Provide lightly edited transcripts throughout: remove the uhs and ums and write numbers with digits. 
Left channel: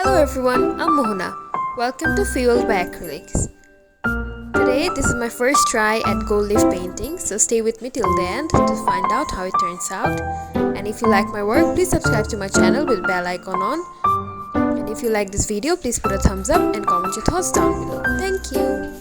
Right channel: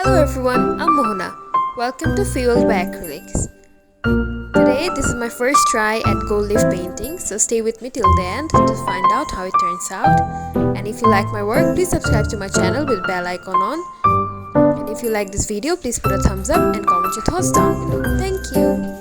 Hello everyone, I'm Mohana. Welcome to Fueled by Acrylics. Today, this is my first try at gold leaf painting, so stay with me till the end to find out how it turns out. And if you like my work, please subscribe to my channel with bell icon on. And if you like this video, please put a thumbs up and comment your thoughts down below. Thank you.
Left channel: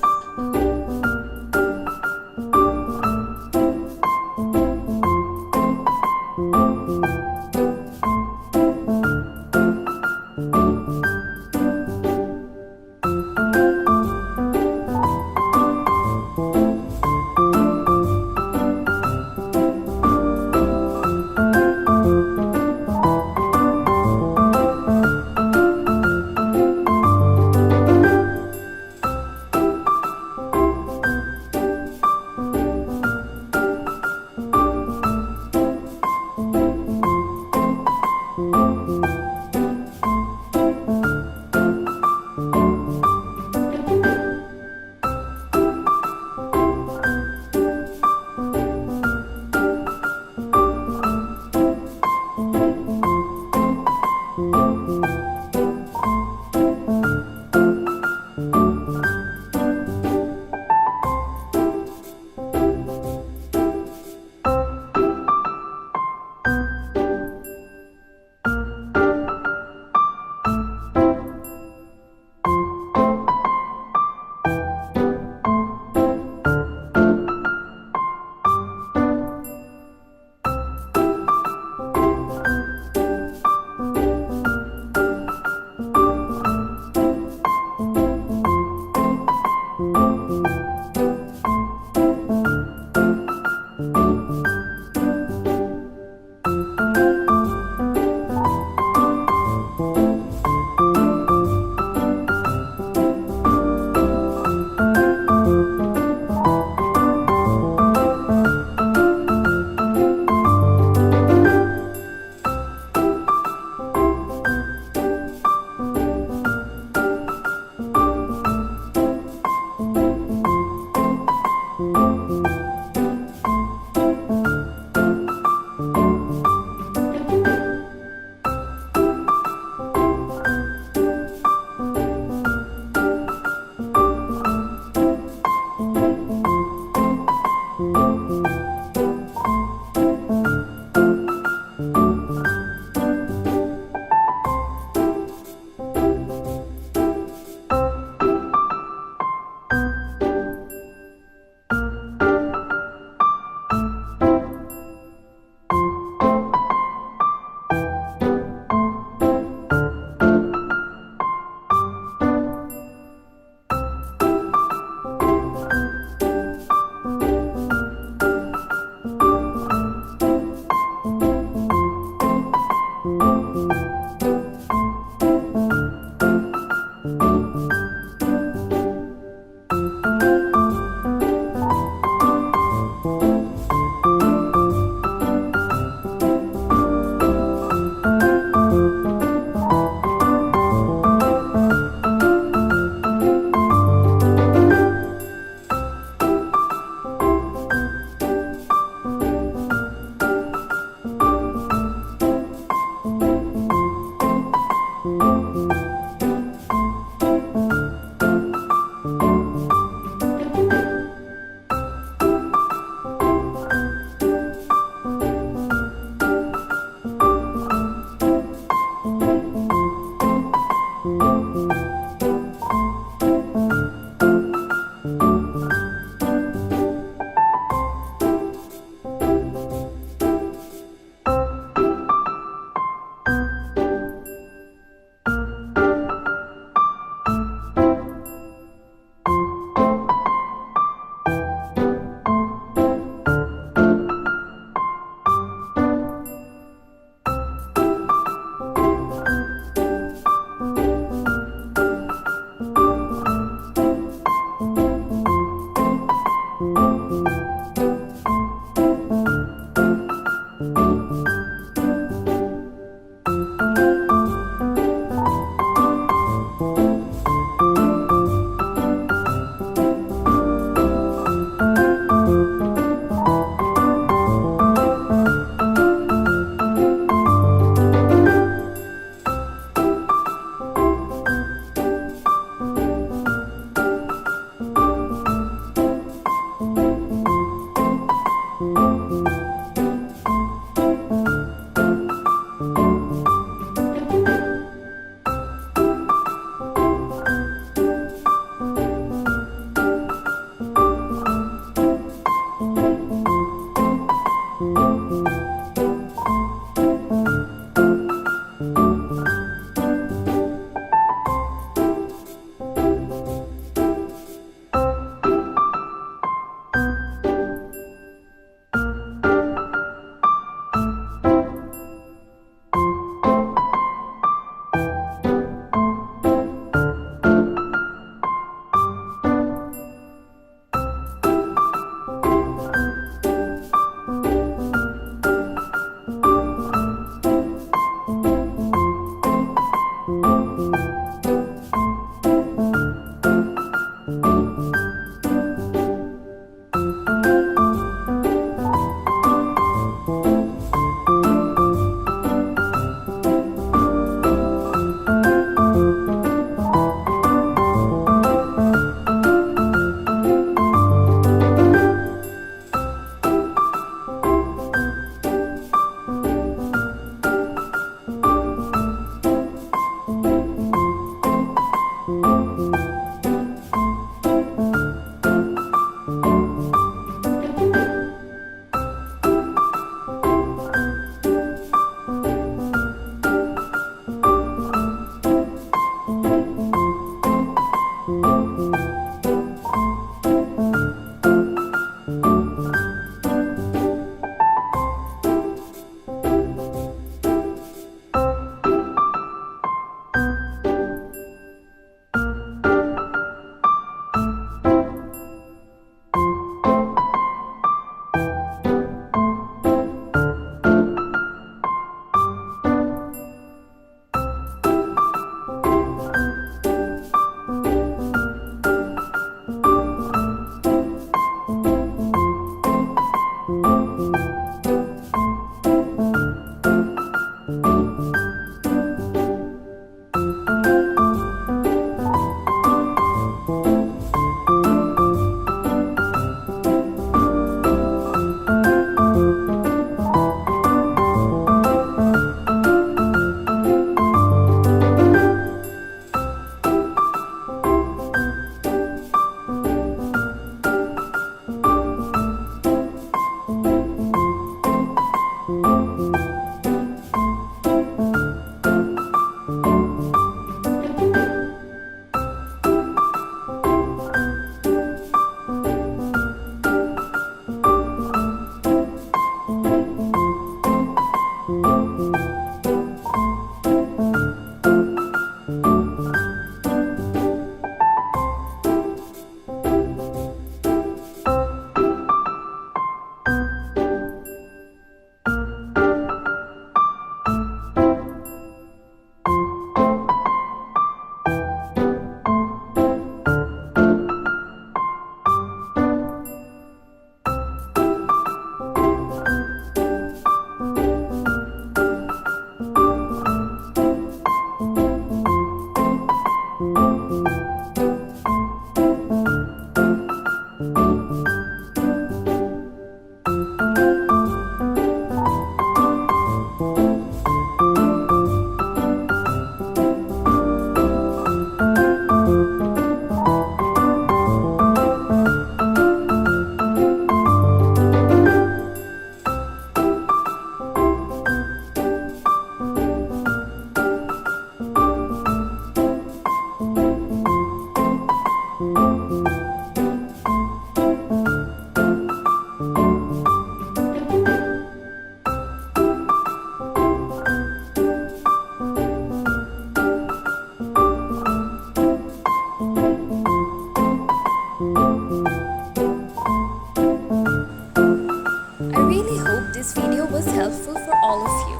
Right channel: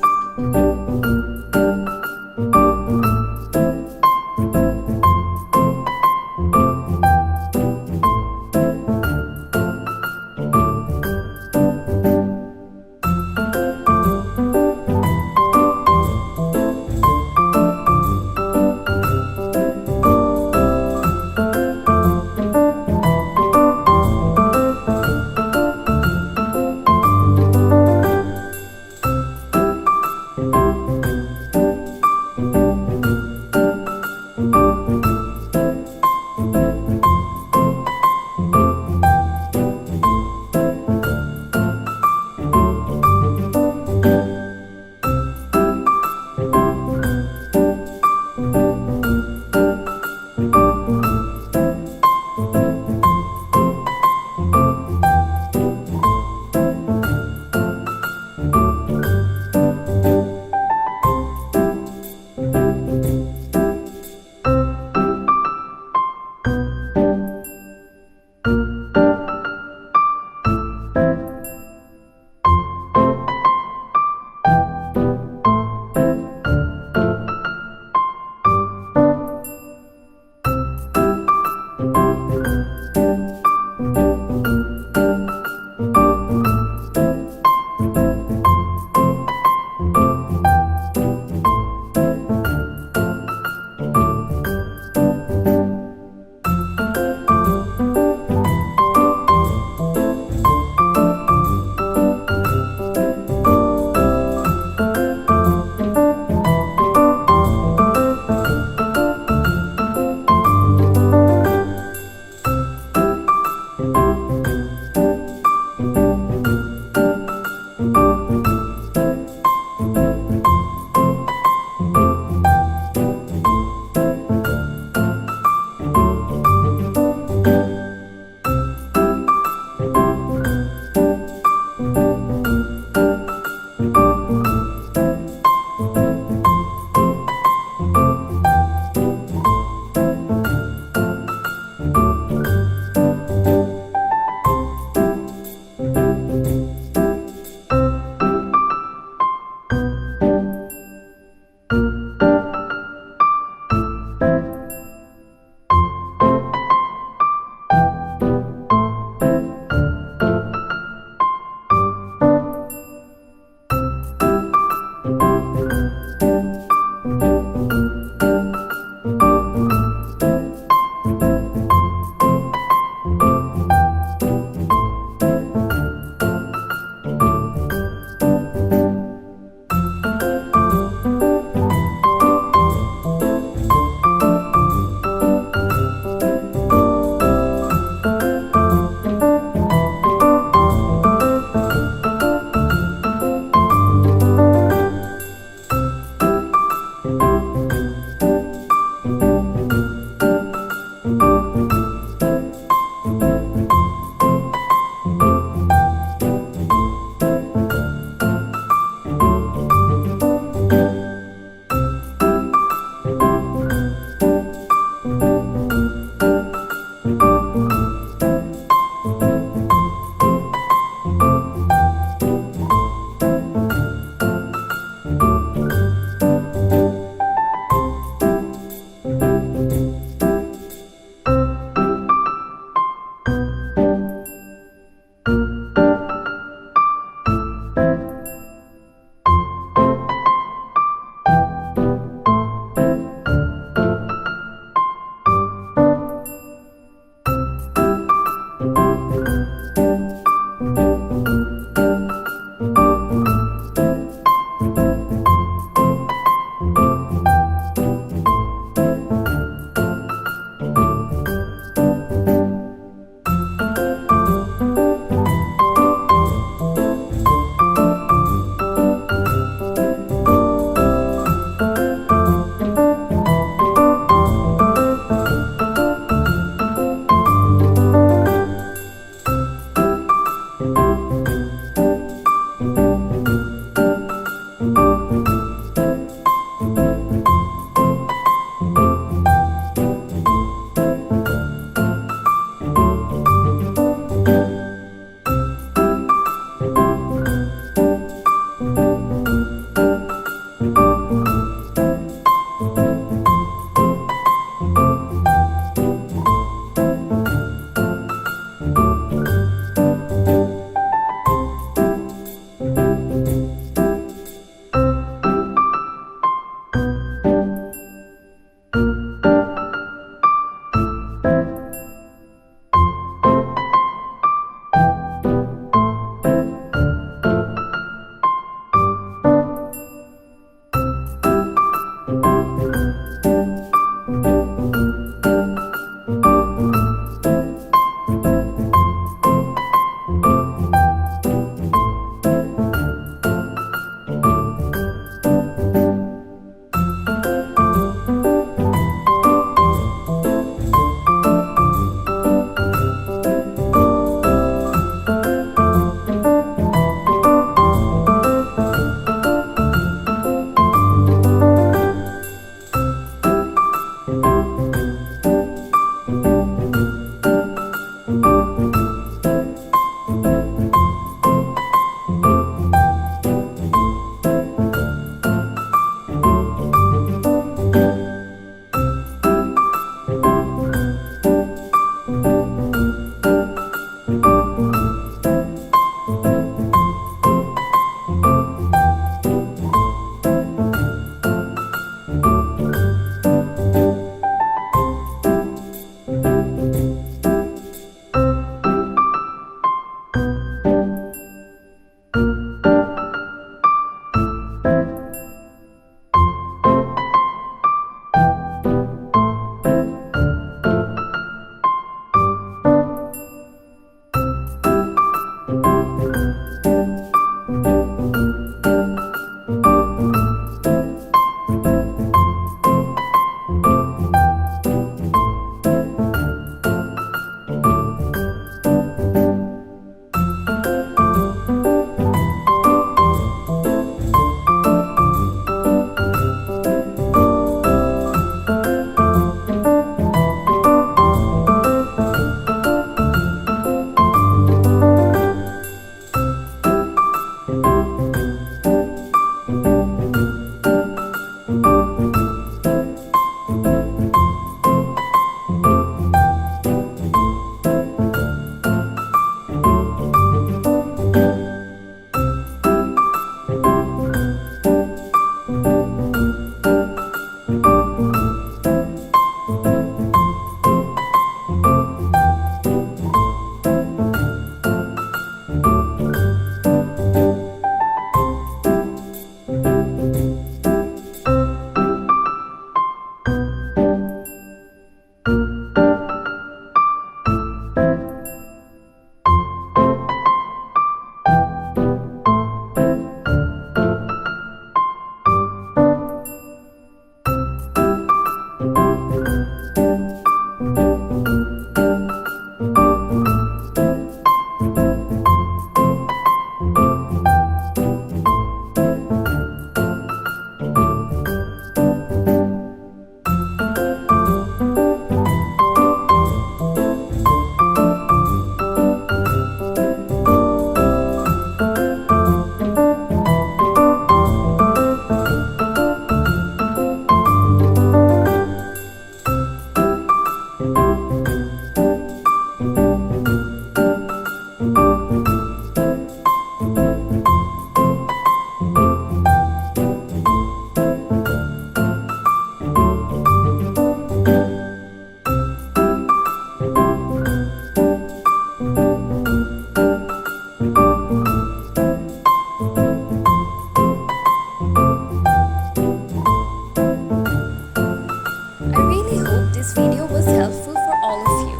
This video was helpful for all of you.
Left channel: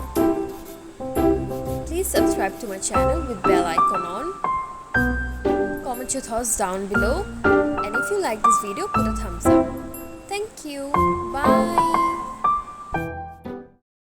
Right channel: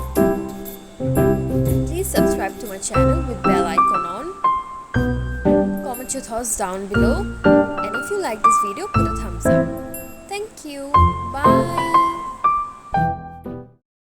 Please subscribe to my channel with bell icon on. Comment your thoughts down below. And if you like this video, put a thumbs up. Thank you. Bye.